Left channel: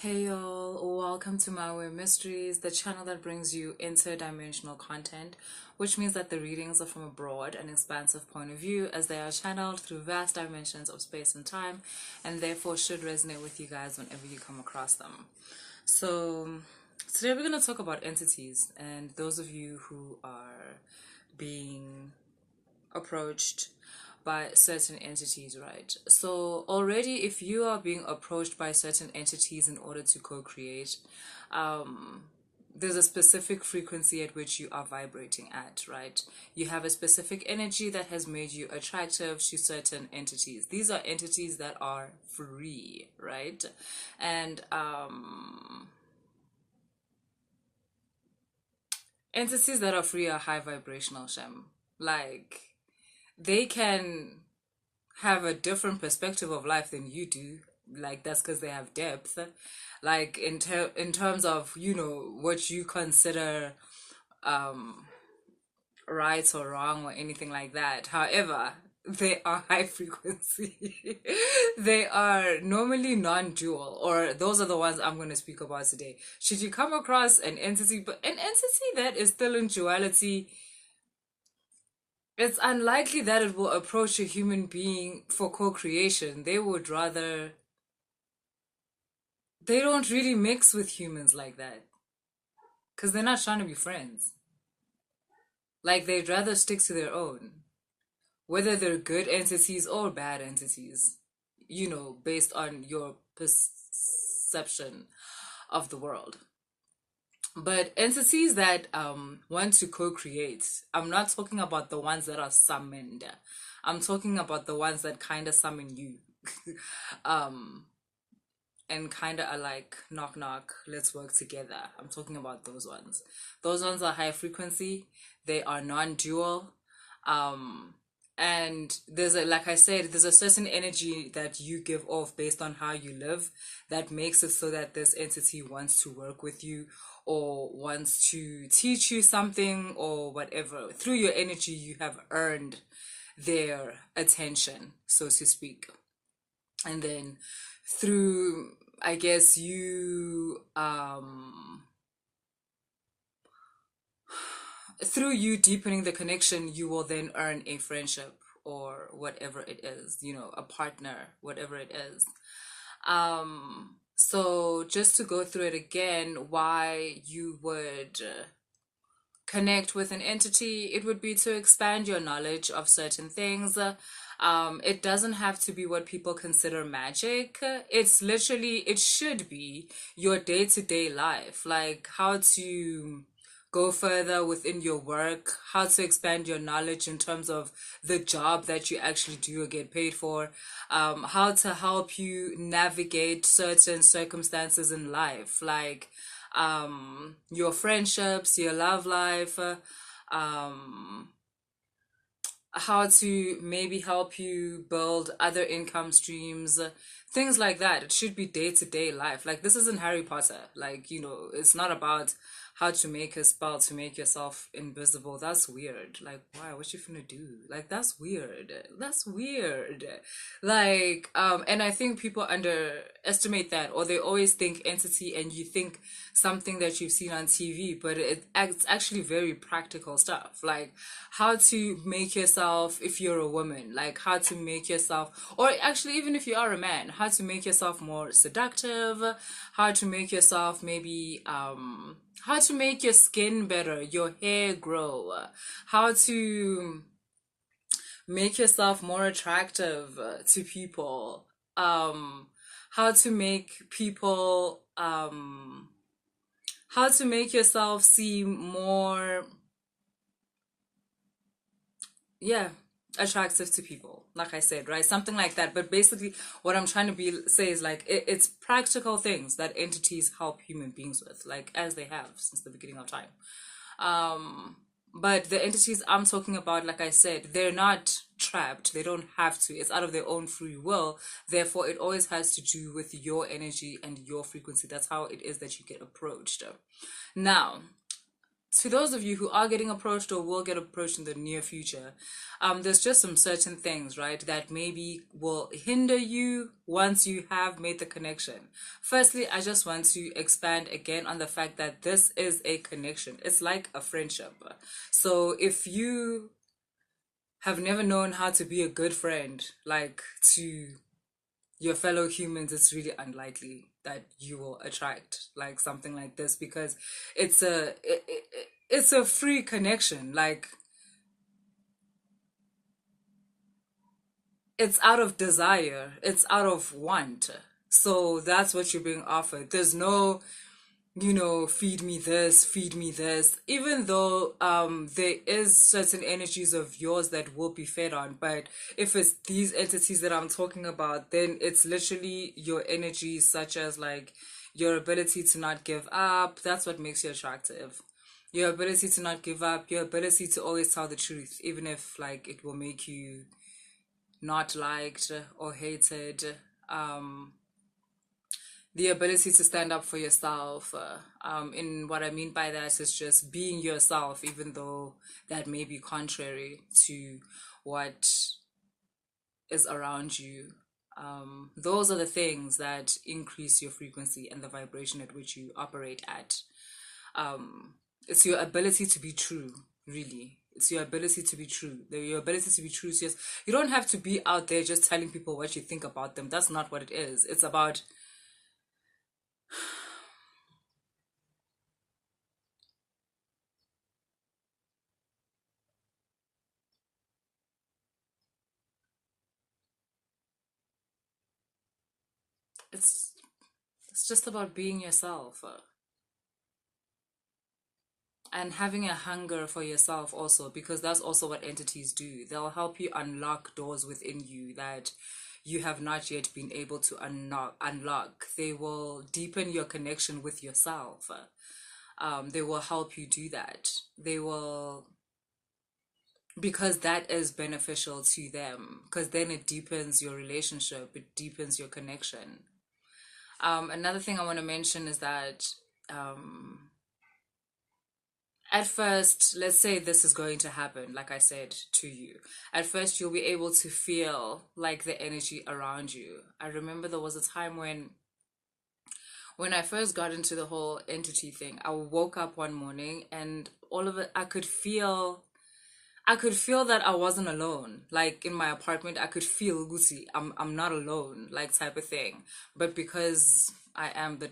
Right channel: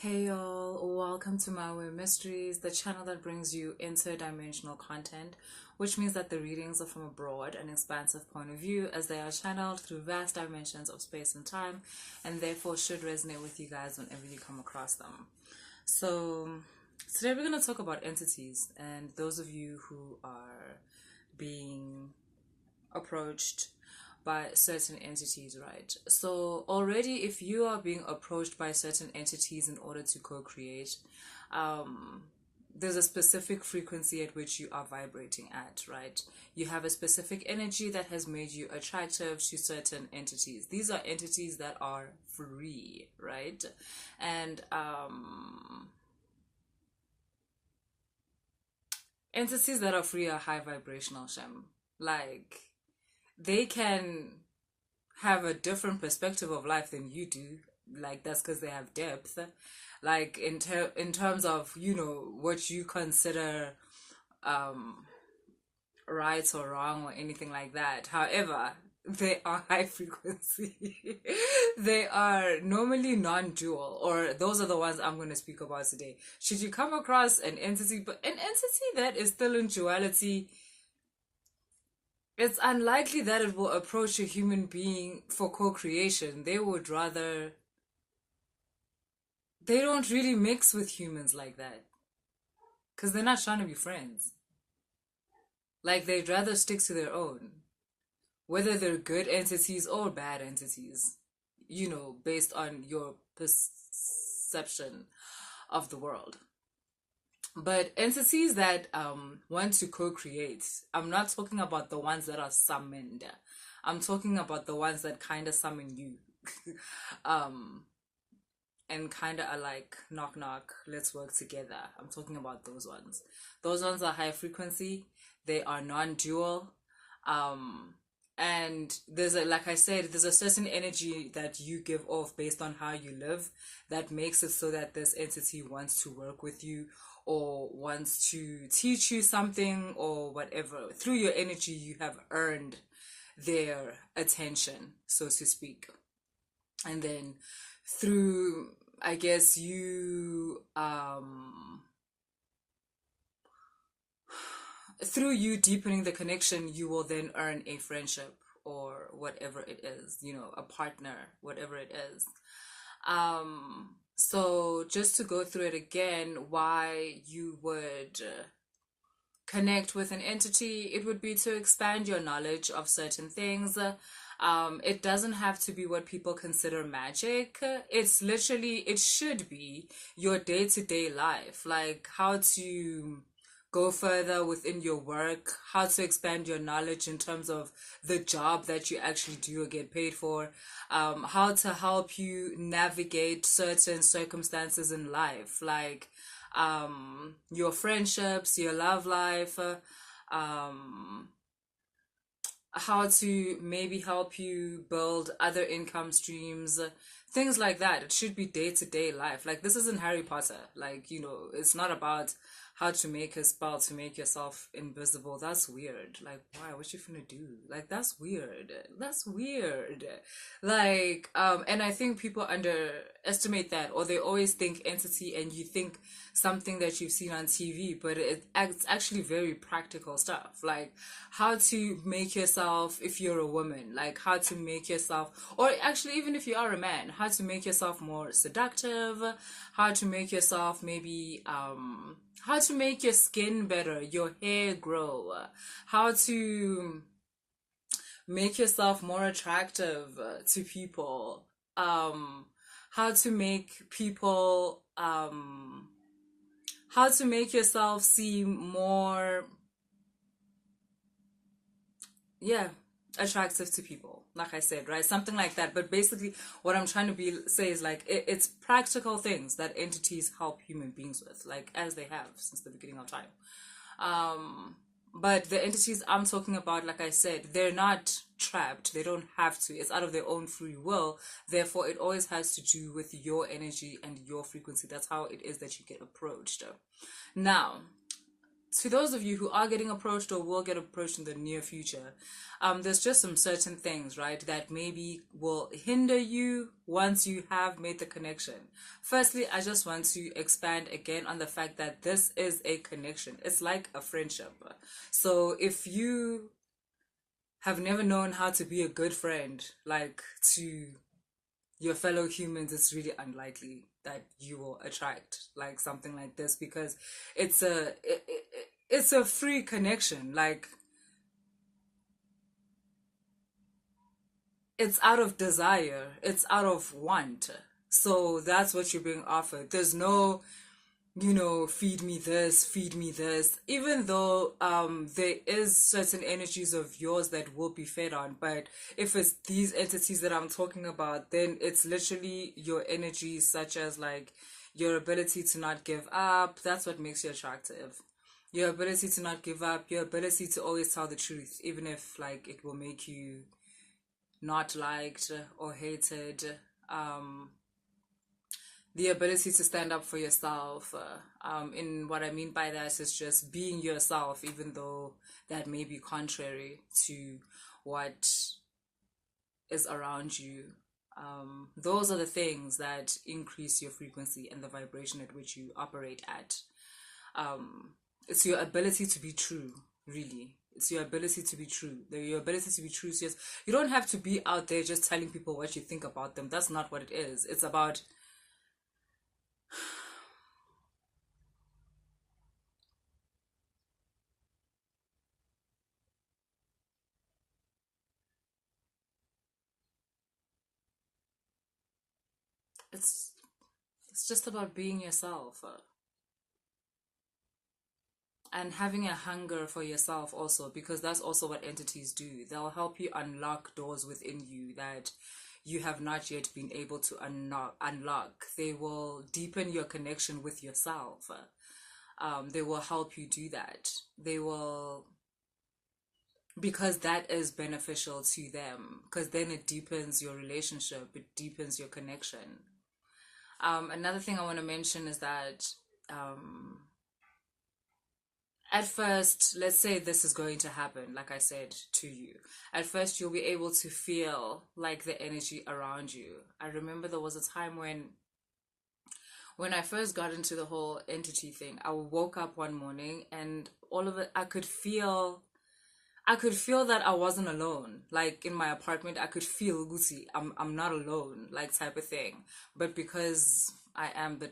Hey y'all, welcome to My Way Mysteries, the channel that brings you interdimensional content, which means that the readings are from a broad and expansive point of view as they are channeled through vast dimensions of space and time, and therefore should resonate with you guys whenever you come across them. So, today we're going to talk about entities, and those of you who are being approached by certain entities, right? So already if you are being approached by certain entities in order to co-create, there's a specific frequency at which you are vibrating at, right? You have a specific energy that has made you attractive to certain entities. These are entities that are free, right? And entities that are free are high vibrational, Shem. Like, they can have a different perspective of life than you do. Like, that's because they have depth. Like, in terms of, what you consider um right or wrong or anything like that. However, they are high frequency. They are normally non-dual, or those are the ones I'm going to speak about today. Should you come across an entity, but an entity that is still in duality, it's unlikely that it will approach a human being for co-creation. They don't really mix with humans like that because they're not trying to be friends. Like, they'd rather stick to their own, whether they're good entities or bad entities, based on your perception of the world. But entities that want to co-create, I'm not talking about the ones that are summoned. I'm talking about the ones that kind of summon you. um and kind of are like, knock knock, let's work together. I'm talking about those ones. Those ones are high frequency. They are non-dual. And like I said, there's a certain energy that you give off based on how you live that makes it so that this entity wants to work with you or wants to teach you something or whatever. Through your energy, you have earned their attention, so to speak. And then through, I guess, through you deepening the connection, you will then earn a friendship or whatever it is, a partner, whatever it is. So just to go through it again, why you would connect with an entity, it would be to expand your knowledge of certain things. It doesn't have to be what people consider magic. It's literally, it should be your day-to-day life, like how to go further within your work, how to expand your knowledge in terms of the job that you actually do or get paid for, how to help you navigate certain circumstances in life, like your friendships, your love life, um, how to maybe help you build other income streams, things like that. It should be day-to-day life. Like, this isn't Harry Potter. Like, it's not about how to make a spell to make yourself invisible. That's weird. Like, why? What you finna do? Like, that's weird. That's weird. Like, and I think people underestimate that, or they always think entity and you think something that you've seen on TV, but it's actually very practical stuff. Like, how to make yourself, if you're a woman, like how to make yourself, or actually even if you are a man, how to make yourself more seductive, how to make yourself maybe how to make your skin better, your hair grow, how to make yourself more attractive to people, how to make people how to make yourself seem more, yeah, attractive to people, like I said, right? Something like that. But basically what I'm trying to say is like, it's practical things that entities help human beings with, like as they have since the beginning of time. But the entities I'm talking about, like I said, they're not trapped. They don't have to. It's out of their own free will. Therefore, it always has to do with your energy and your frequency. That's how it is that you get approached. Now, to those of you who are getting approached or will get approached in the near future, there's just some certain things, right, that maybe will hinder you once you have made the connection. Firstly, I just want to expand again on the fact that this is a connection. It's like a friendship. So if you have never known how to be a good friend, like to your fellow humans, it's really unlikely that you will attract like something like this, because it's a free connection. Like, it's out of desire, it's out of want. So that's what you're being offered. There's no, feed me this, feed me this, even though there is certain energies of yours that will be fed on. But if it's these entities that I'm talking about, then it's literally your energies, such as like your ability to not give up. That's what makes you attractive. Your ability to not give up, your ability to always tell the truth, even if like it will make you not liked or hated. um the ability to stand up for yourself. In what I mean by that is just being yourself, even though that may be contrary to what is around you. Those are the things that increase your frequency and the vibration at which you operate at. It's your ability to be true, really. It's your ability to be true. Your ability to be true. Yes, you don't have to be out there just telling people what you think about them. That's not what it is. It's about it's it's just about being yourself, and having a hunger for yourself also, because that's also what entities do. They'll help you unlock doors within you that you have not yet been able to unlock. They will deepen your connection with yourself. They will help you do that. They will, because that is beneficial to them, because then it deepens your relationship, it deepens your connection. Another thing I want to mention is that at first, let's say this is going to happen, like I said to you. At first, you'll be able to feel like the energy around you. I remember there was a time when I first got into the whole entity thing, I woke up one morning and all of it, I could feel that I wasn't alone. Like in my apartment, I could feel Gucci, I'm not alone, like type of thing. But because I am the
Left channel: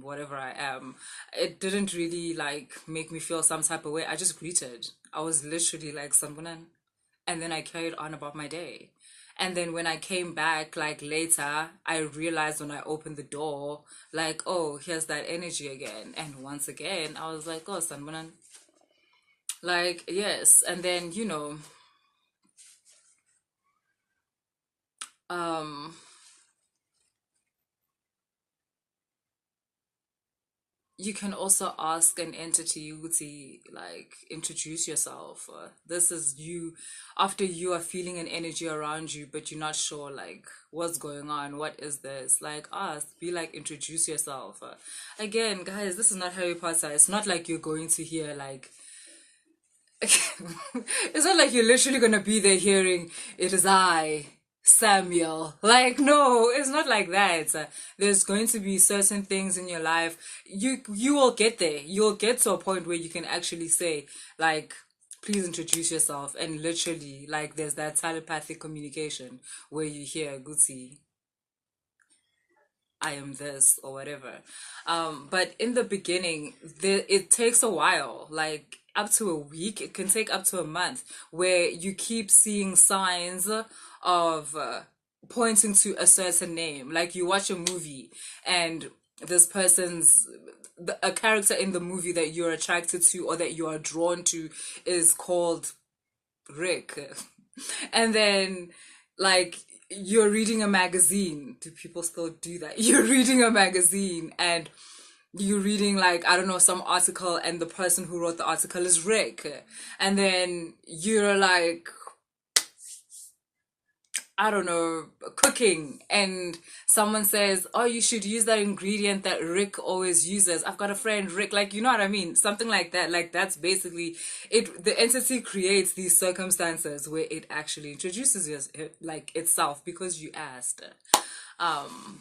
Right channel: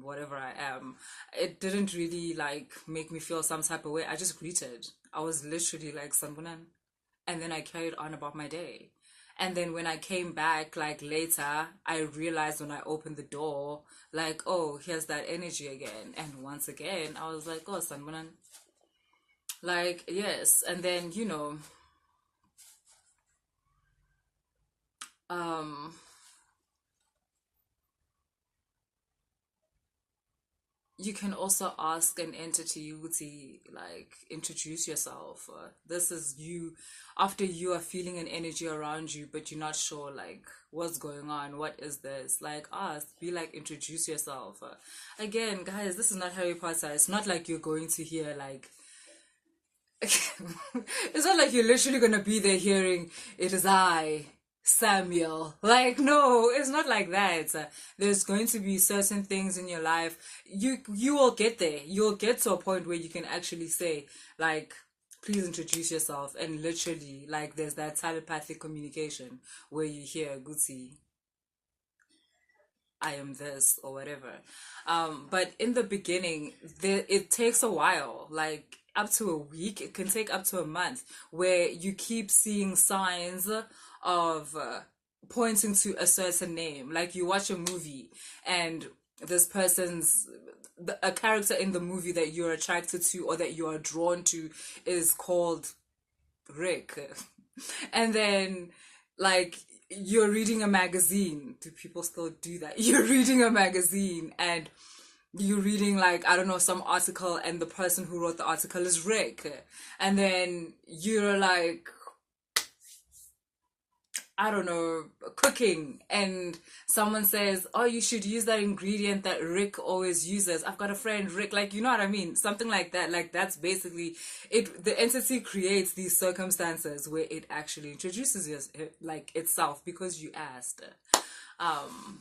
whatever I am, it didn't really like make me feel some type of way. I just greeted. I was literally like Sanbunan. And then I carried on about my day. And then when I came back, like later, I realized when I opened the door, like, oh, here's that energy again. And once again, I was like, oh, Sanbunan. Like, yes. And then, um, you can also ask an entity to like introduce yourself. This is you after you are feeling an energy around you, but you're not sure like what's going on. What is this? Like ask, be like, introduce yourself. Again, guys, this is not Harry Potter. It's not like you're going to hear like it's not like you're literally gonna be there hearing it is I, Samuel. Like, no, it's not like that. There's going to be certain things in your life. You will get there. You'll get to a point where you can actually say, like, please introduce yourself. And literally, like, there's that telepathic communication where you hear Guti, I am this or whatever. But in the beginning, it takes a while, like up to a week. It can take up to a month, where you keep seeing signs of pointing to a certain name. Like you watch a movie and this person's a character in the movie that you're attracted to or that you are drawn to is called Rick. And then like you're reading a magazine. Do people still do that? You're reading a magazine and you're reading like, I don't know, some article, and the person who wrote the article is Rick. And then you're like, I don't know, cooking, and someone says, oh, you should use that ingredient that Rick always uses. I've got a friend, Rick, like, you know what I mean? Something like that. Like, that's basically it. The entity creates these circumstances where it actually introduces like itself because you asked.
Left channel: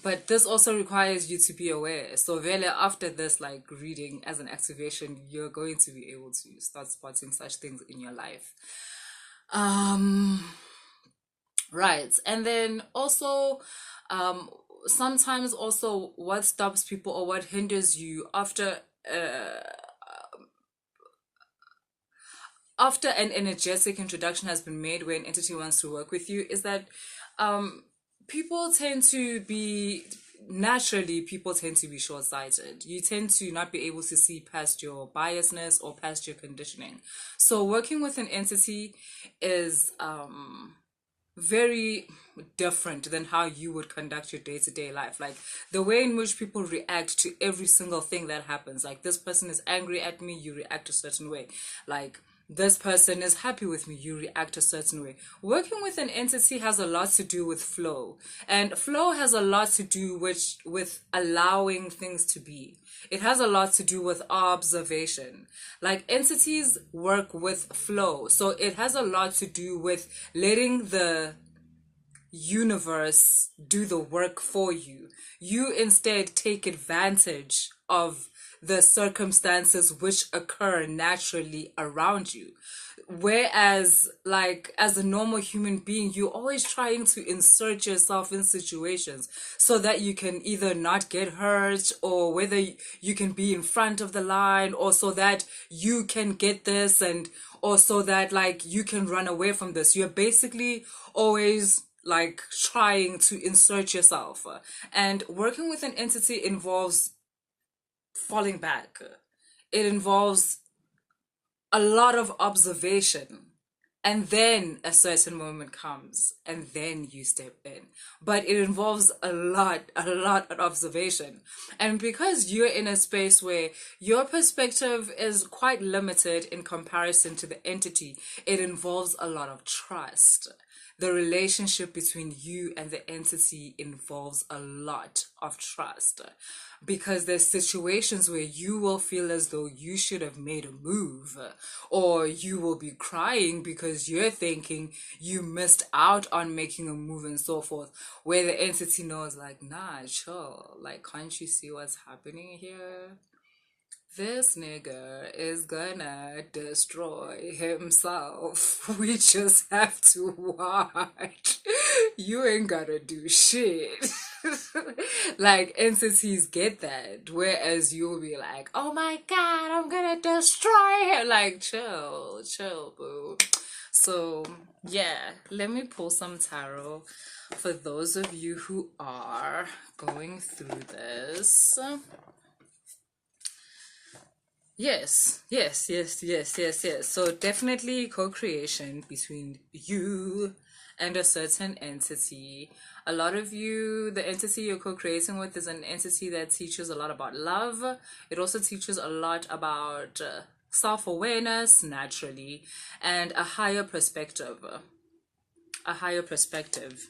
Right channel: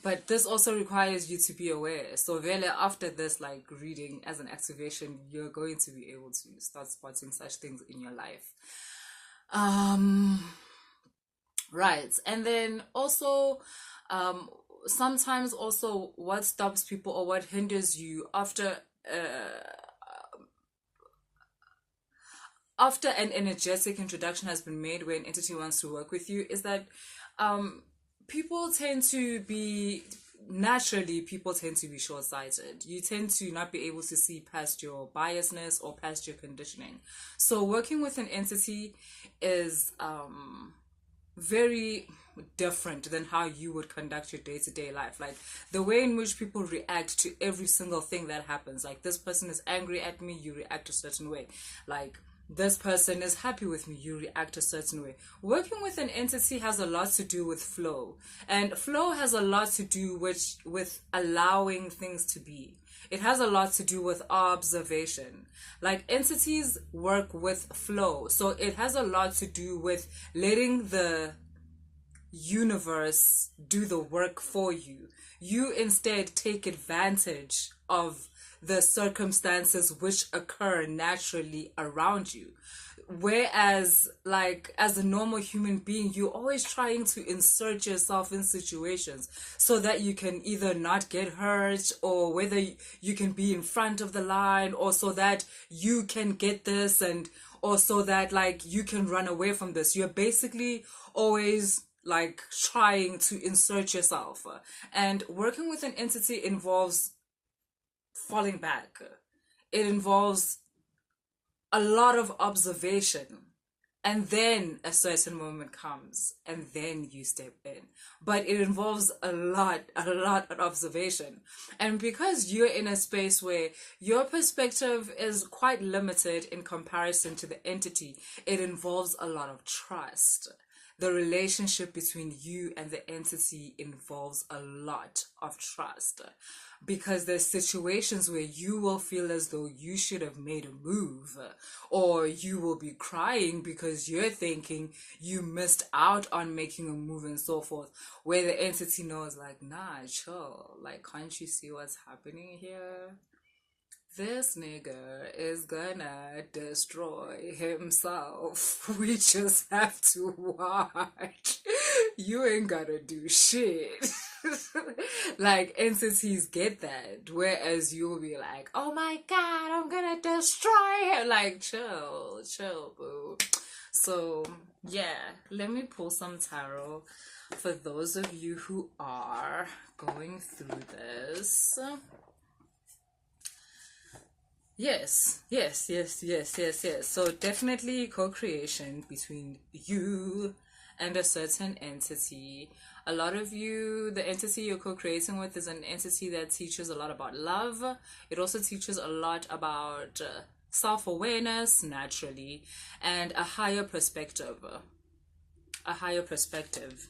But this also requires you to be aware. So really after this, like reading as an activation, you're going to be able to start spotting such things in your life. Right. And then also, sometimes also what stops people or what hinders you after an energetic introduction has been made where an entity wants to work with you is that people tend to be naturally people tend to be short-sighted. You tend to not be able to see past your biasness or past your conditioning. So working with an entity is very different than how you would conduct your day-to-day life. Like the way in which people react to every single thing that happens. Like this person is angry at me, you react a certain way. Like this person is happy with me, you react a certain way. Working with an entity has a lot to do with flow, and flow has a lot to do with allowing things to be. It has a lot to do with observation. Like entities work with flow, so it has a lot to do with letting the universe do the work for you. You instead take advantage of the circumstances which occur naturally around you. Whereas, like, as a normal human being, you're always trying to insert yourself in situations so that you can either not get hurt, or whether you can be in front of the line, or so that you can get this, and or so that, like, you can run away from this. You're basically always like trying to insert yourself. And working with an entity involves falling back. It involves a lot of observation, and then a certain moment comes and then you step in. But it involves a lot of observation. And because you're in a space where your perspective is quite limited in comparison to the entity, it involves a lot of trust. The relationship between you and the entity involves a lot of trust, because there's situations where you will feel as though you should have made a move, or you will be crying because you're thinking you missed out on making a move and so forth, where the entity knows, like, nah, chill, like, can't you see what's happening here? This nigga is gonna destroy himself. We just have to watch. You ain't gotta do shit. Like, entities get that. Whereas you'll be like, oh my god, I'm gonna destroy him. Like, chill, boo. So, yeah, let me pull some tarot for those of you who are going through this. Yes. So definitely co-creation between you and a certain entity. A lot of you, the entity you're co-creating with is an entity that teaches a lot about love. It also teaches a lot about self-awareness, naturally, and a higher perspective. A higher perspective.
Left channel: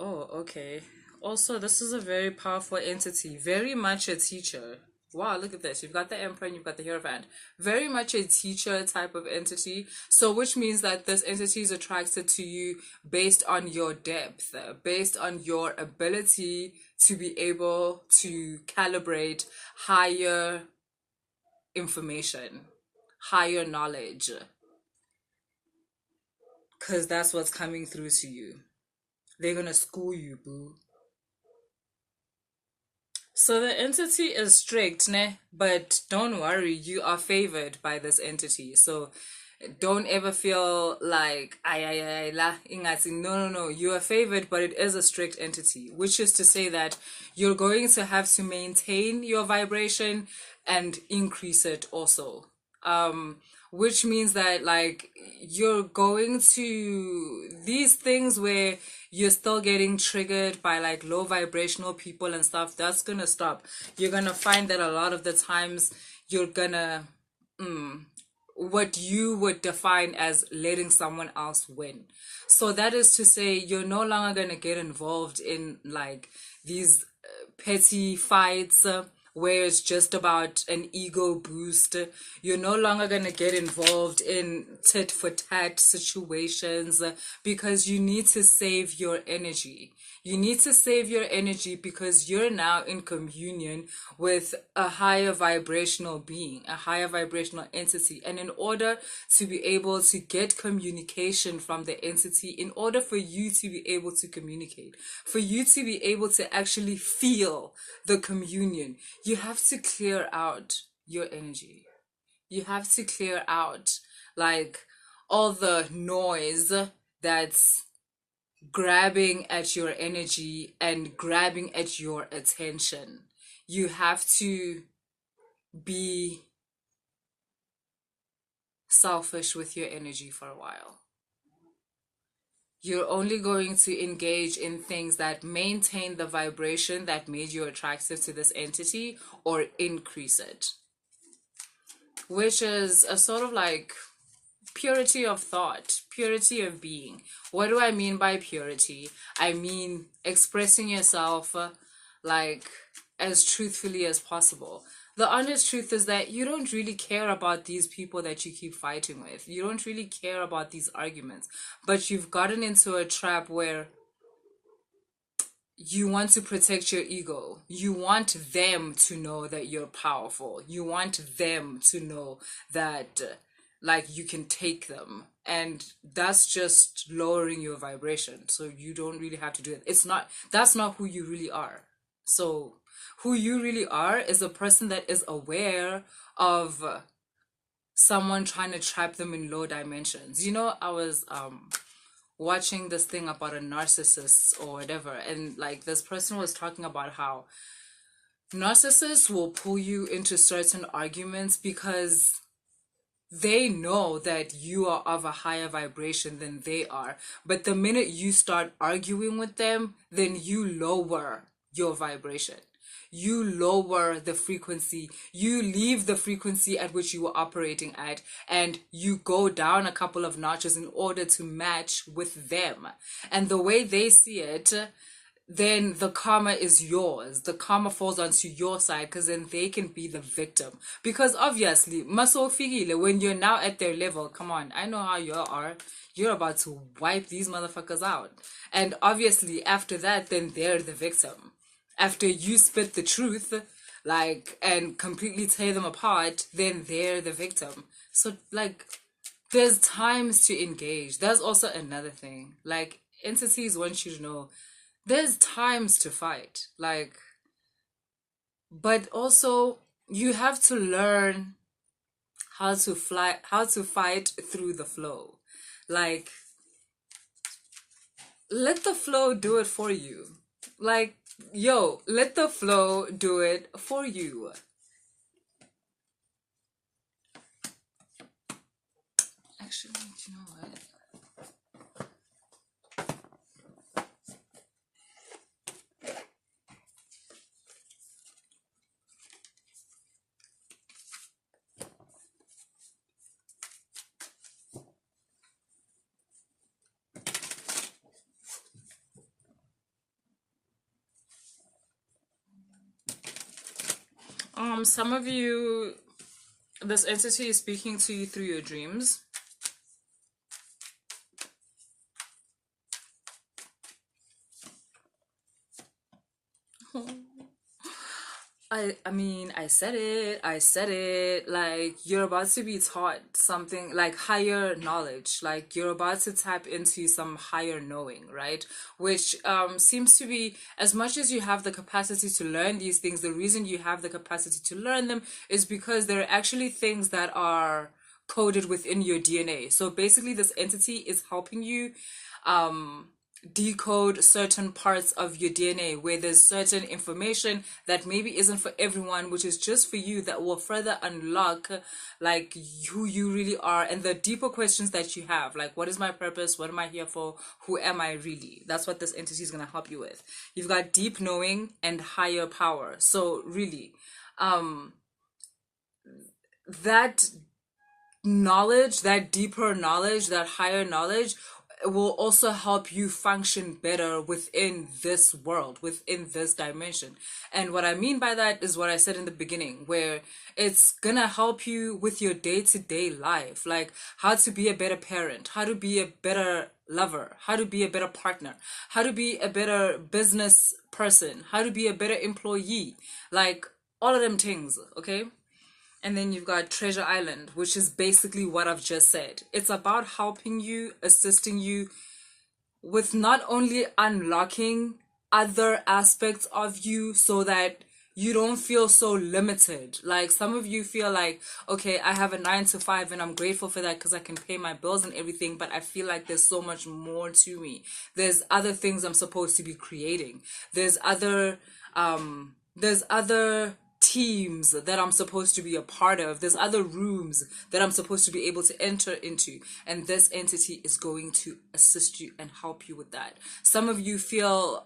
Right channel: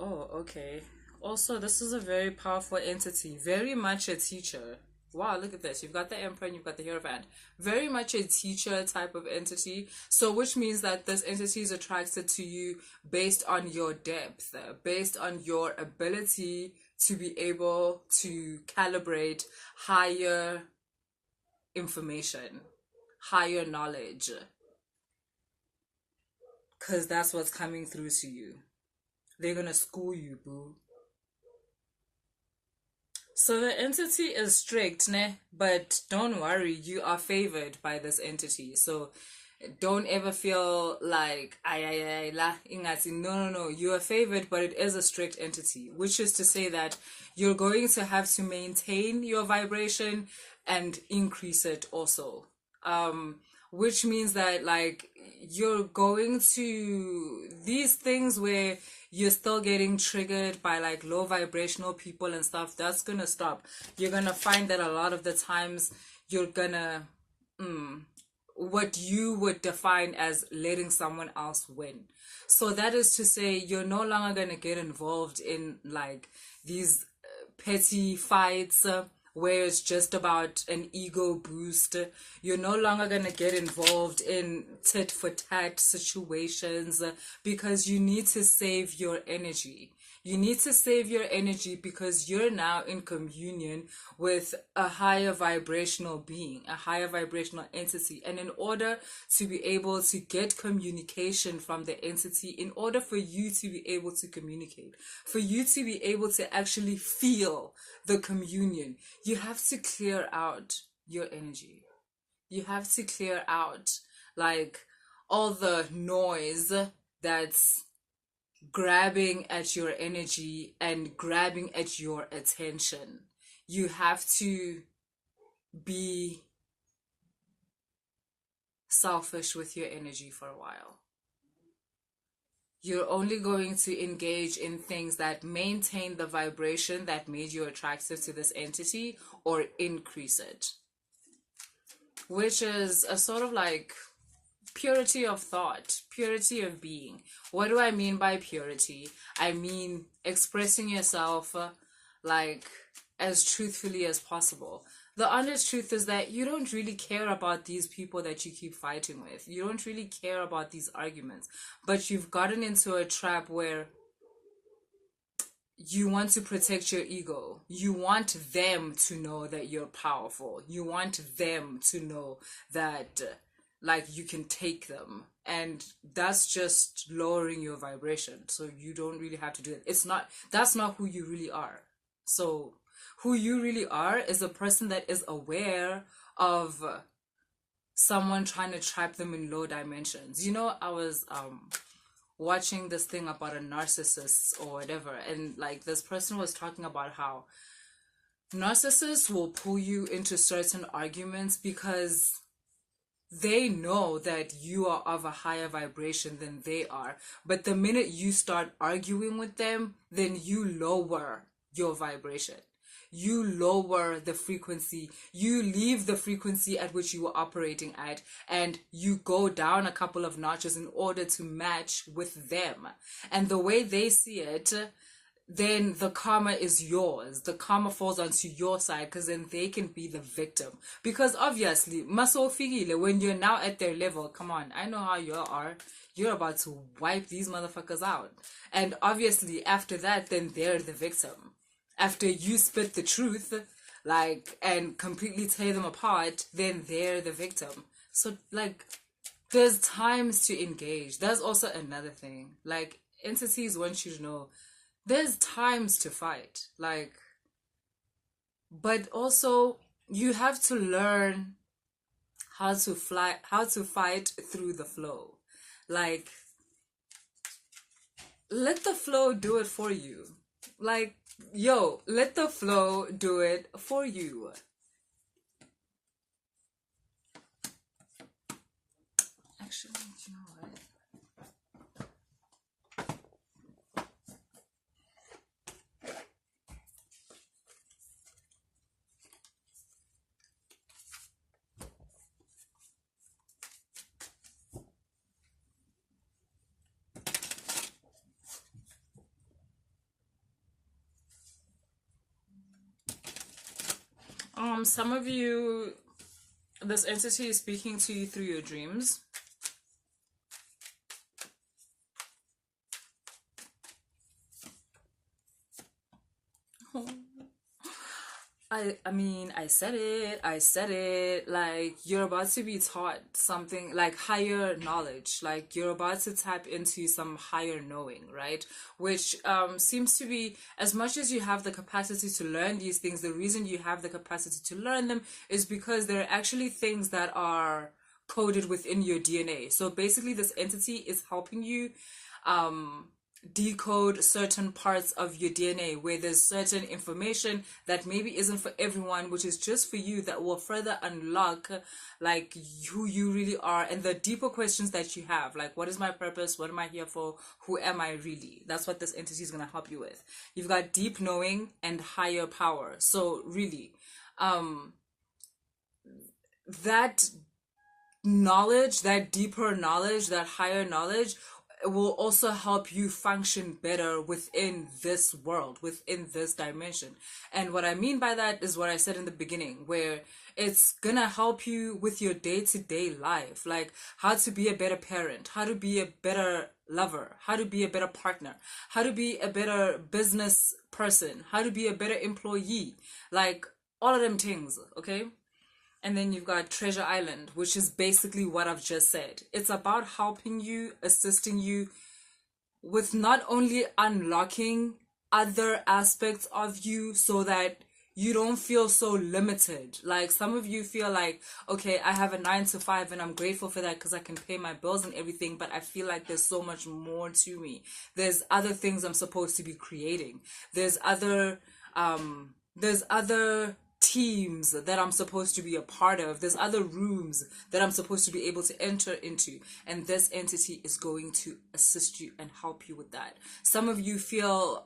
Oh, okay. Also, this is a very powerful entity, very much a teacher. Wow, look at this. You've got the Emperor and you've got the Hierophant. Very much a teacher type of entity. So, which means that this entity is attracted to you based on your depth, based on your ability to be able to calibrate higher information, higher knowledge. Because that's what's coming through to you. They're going to school you, boo. So the entity is strict, ne? But don't worry, you are favored by this entity. So don't ever feel like ay la ingati. No. You are favored, but it is a strict entity, which is to say that you're going to have to maintain your vibration and increase it also. Which means that, like, you're going to these things where you're still getting triggered by like low vibrational people and stuff, that's gonna stop. You're gonna find that a lot of the times you're gonna what you would define as letting someone else win. So that is to say, you're no longer going to get involved in like these petty fights where it's just about an ego boost. You're no longer going to get involved in tit for tat situations because you need to save your energy. You need to save your energy because you're now in communion with a higher vibrational being, a higher vibrational entity. And in order to be able to get communication from the entity, in order for you to be able to communicate, for you to be able to actually feel the communion, you have to clear out your energy. You have to clear out like all the noise that's grabbing at your energy and grabbing at your attention. You have to be selfish with your energy for a while. You're only going to engage in things that maintain the vibration that made you attractive to this entity or increase it, which is a sort of like purity of thought, purity of being. What do I mean by purity? I mean expressing yourself like as truthfully as possible. The honest truth is that you don't really care about these people that you keep fighting with. You don't really care about these arguments, but you've gotten into a trap where you want to protect your ego. You want them to know that you're powerful. You want them to know that like you can take them, and that's just lowering your vibration. So you don't really have to do it. That's not who you really are. So who you really are is a person that is aware of someone trying to trap them in low dimensions. You know, I was watching this thing about a narcissist or whatever, and like this person was talking about how narcissists will pull you into certain arguments because they know that you are of a higher vibration than they are. But the minute you start arguing with them, then you lower your vibration. You lower the frequency. You leave the frequency at which you were operating at, and you go down a couple of notches in order to match with them. And the way they see it, then the karma is yours. The karma falls onto your side because then they can be the victim. Because obviously, masofigile, when you're now at their level, come on, I know how you are. You're about to wipe these motherfuckers out. And obviously, after that, then they're the victim. After you spit the truth, like, and completely tear them apart, then they're the victim. So, like, there's times to engage. There's also another thing. Like, entities want you to know there's times to fight, like, but also you have to learn how to fight through the flow. Like, let the flow do it for you. Like, yo, let the flow do it for you. Actually, you know what? Some of you, this entity is speaking to you through your dreams. I mean, I said it, like, you're about to be taught something, like, higher knowledge, like, you're about to tap into some higher knowing, right? Which seems to be, as much as you have the capacity to learn these things, the reason you have the capacity to learn them is because there are actually things that are coded within your DNA. So basically, this entity is helping you decode certain parts of your DNA where there's certain information that maybe isn't for everyone, which is just for you, that will further unlock like who you really are and the deeper questions that you have, like, what is my purpose, what am I here for, who am I really? That's what this entity is going to help you with. You've got deep knowing and higher power. So really that knowledge, that deeper knowledge, that higher knowledge will also help you function better within this world, within this dimension. And what I mean by that is what I said in the beginning, where it's gonna help you with your day-to-day life, like how to be a better parent, how to be a better lover, how to be a better partner, how to be a better business person, how to be a better employee, like all of them things, okay? And then you've got Treasure Island, which is basically what I've just said. It's about helping you, assisting you with not only unlocking other aspects of you so that you don't feel so limited. Like some of you feel like, okay, I have a 9 to 5 and I'm grateful for that because I can pay my bills and everything, but I feel like there's so much more to me. There's other things I'm supposed to be creating. There's other teams that I'm supposed to be a part of. There's other rooms that I'm supposed to be able to enter into. And this entity is going to assist you and help you with that. Some of you feel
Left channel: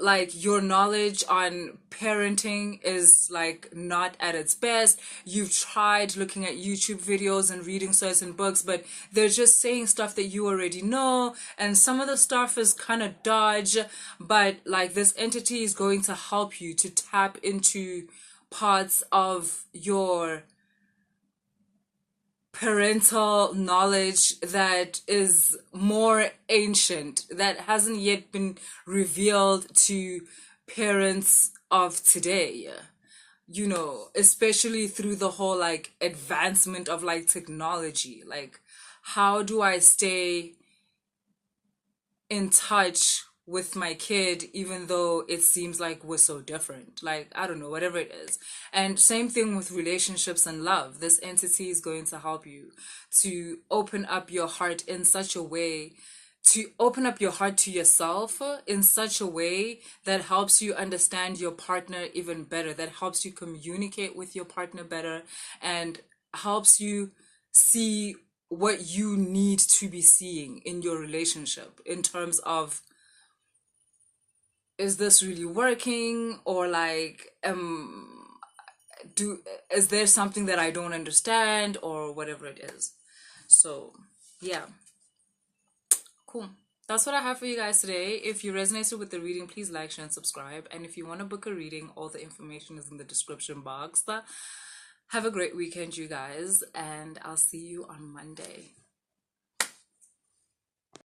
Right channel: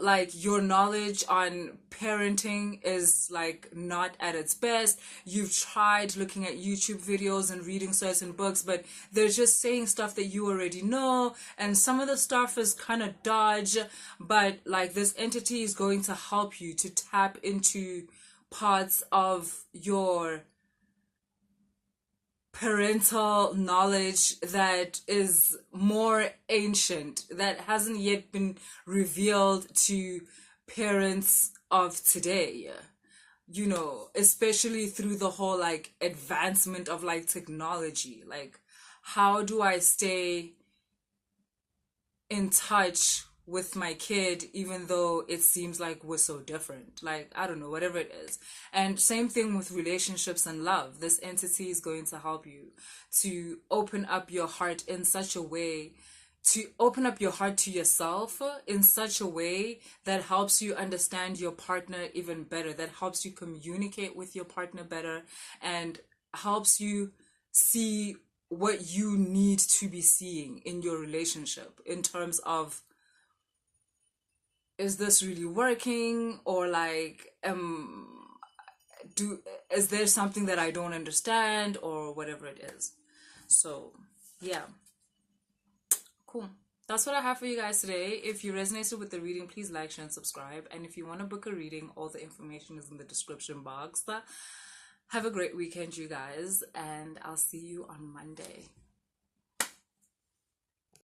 like your knowledge on parenting is like not at its best. You've tried looking at YouTube videos and reading certain books, but they're just saying stuff that you already know, and some of the stuff is kind of dodge, but like this entity is going to help you to tap into parts of your parental knowledge that is more ancient, that hasn't yet been revealed to parents of today, you know, especially through the whole like advancement of like technology. Like, how do I stay in touch with my kid even though it seems like we're so different? Like, I don't know, whatever it is. And same thing with relationships and love. This entity is going to help you to open up your heart in such a way, to open up your heart to yourself in such a way that helps you understand your partner even better, that helps you communicate with your partner better, and helps you see what you need to be seeing in your relationship in terms of, is this really working, or like is there something that I don't understand, or whatever it is. So yeah, cool. That's what I have for you guys today. If you resonated with the reading, please like, share, and subscribe. And if you want to book a reading, all the information is in the description box. Have a great weekend, you guys, and I'll see you on Monday.